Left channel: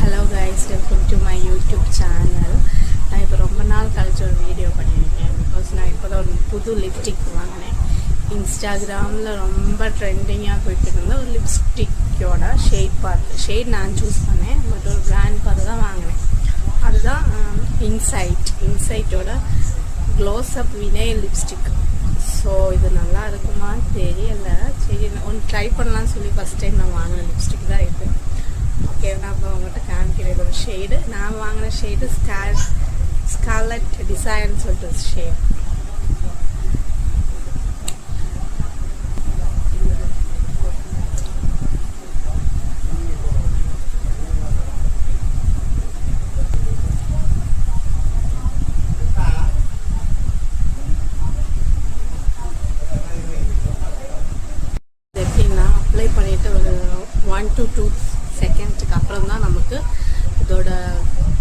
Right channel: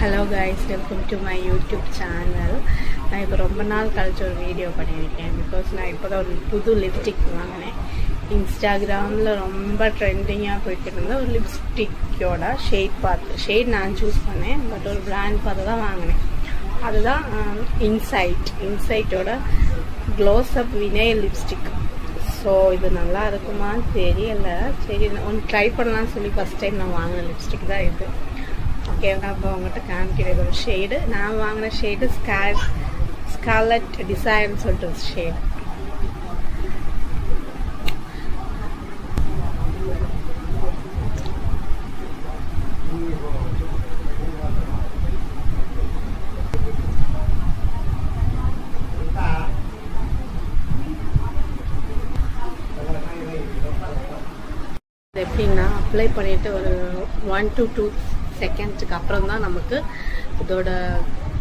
Hello guys, welcome to my YouTube channel. நான் இப்போ ரொம்ப நாள் கழிச்சு ஒரு வீடியோ பண்ணியிருக்கேன். பிகாஸ் நான் இப்போ தான் ஒரு புது லிப்ஸ்டிக் வாங்கினேன். இன்ஸ்டாகிராமில் ரொம்ப ட்ரெண்டிங்காக போயிட்டு இருந்த ஒரு லிப்ஸ்டிக்கோட ஷேட் நான் சூஸ் பண்ணேன். பட் ஒரு பிராண்ட் பார்த்து தான் வாங்கினேன். அதுதான் இன்சைட்டோட close up vinyl lipstick. So இது நல்லா இருக்குமா தெரியல. சரி, ஒன்று ட்ரை பண்ணலான்னு சொல்லி ஃபஸ்ட் டைம் நான் வாங்கின லிப்ஸ்டிக் தான் இது. ஓகே, நான் இப்போ உங்கள்கிட்ட காமிக்கிறேன் ஒரு ஷேடு. நான் வாங்கின ஷேடு ஸ்கார்லட் டிசைர்னு சொல்லிட்டு ஷேடு. எப்படின்னா அப்ளை பண்ணிவிட்டு ஒரு 1 to 2 செகண்ட்ஸுக்கு அப்புறம் தான் நமக்கு இதோட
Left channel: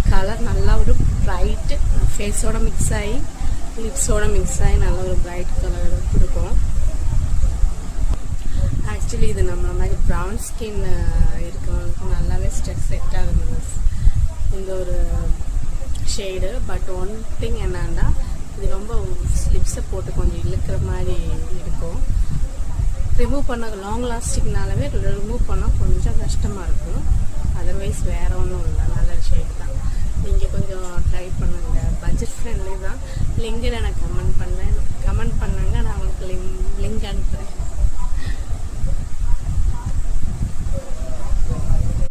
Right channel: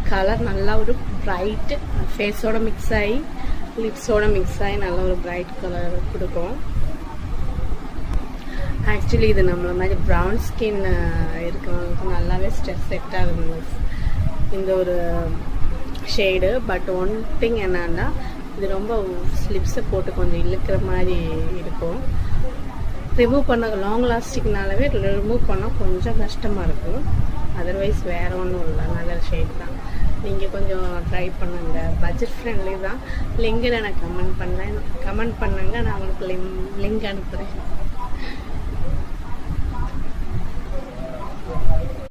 கலர் நல்லா ஒரு ப்ரைட்டு ஃபேஸோட மிக்ஸ் ஆகி லிப்ஸோட மிக்ஸ் ஆகி நல்லா ஒரு ப்ரைட் கலர் கொடுக்கும். ஆக்சுவலி இது நம்மள மாதிரி ப்ரௌன் ஸ்கின் இருக்கிறவங்களுக்கு நல்லாவே செட் ஆகுது இந்த ஒரு ஷேடு. பட் ஒன் திங் என்னன்னா, இது ரொம்ப லிப்ஸை போட்டு கொஞ்சம் இழுக்கிற மாதிரி இருக்கும். ரிமூவ் பண்ண லாங் லாஸ்டிக்னாலவே ரிமூவ் பண்ணால் கொஞ்சம் கஷ்டமாக இருக்கும். அதர்வைஸ் வேறு ஒன்றும் இல்லை, நல்ல ஷேட் தான். நீங்கள் கொஞ்சம் ட்ரை பண்ணுங்க. பட்ஜெட் ஃப்ரெண்ட்லி தான். லிங்கில் நான் கமெண்ட் பண்ணுங்க. நான் உங்களுக்கு லிங்க் அனுப்புகிறேன்.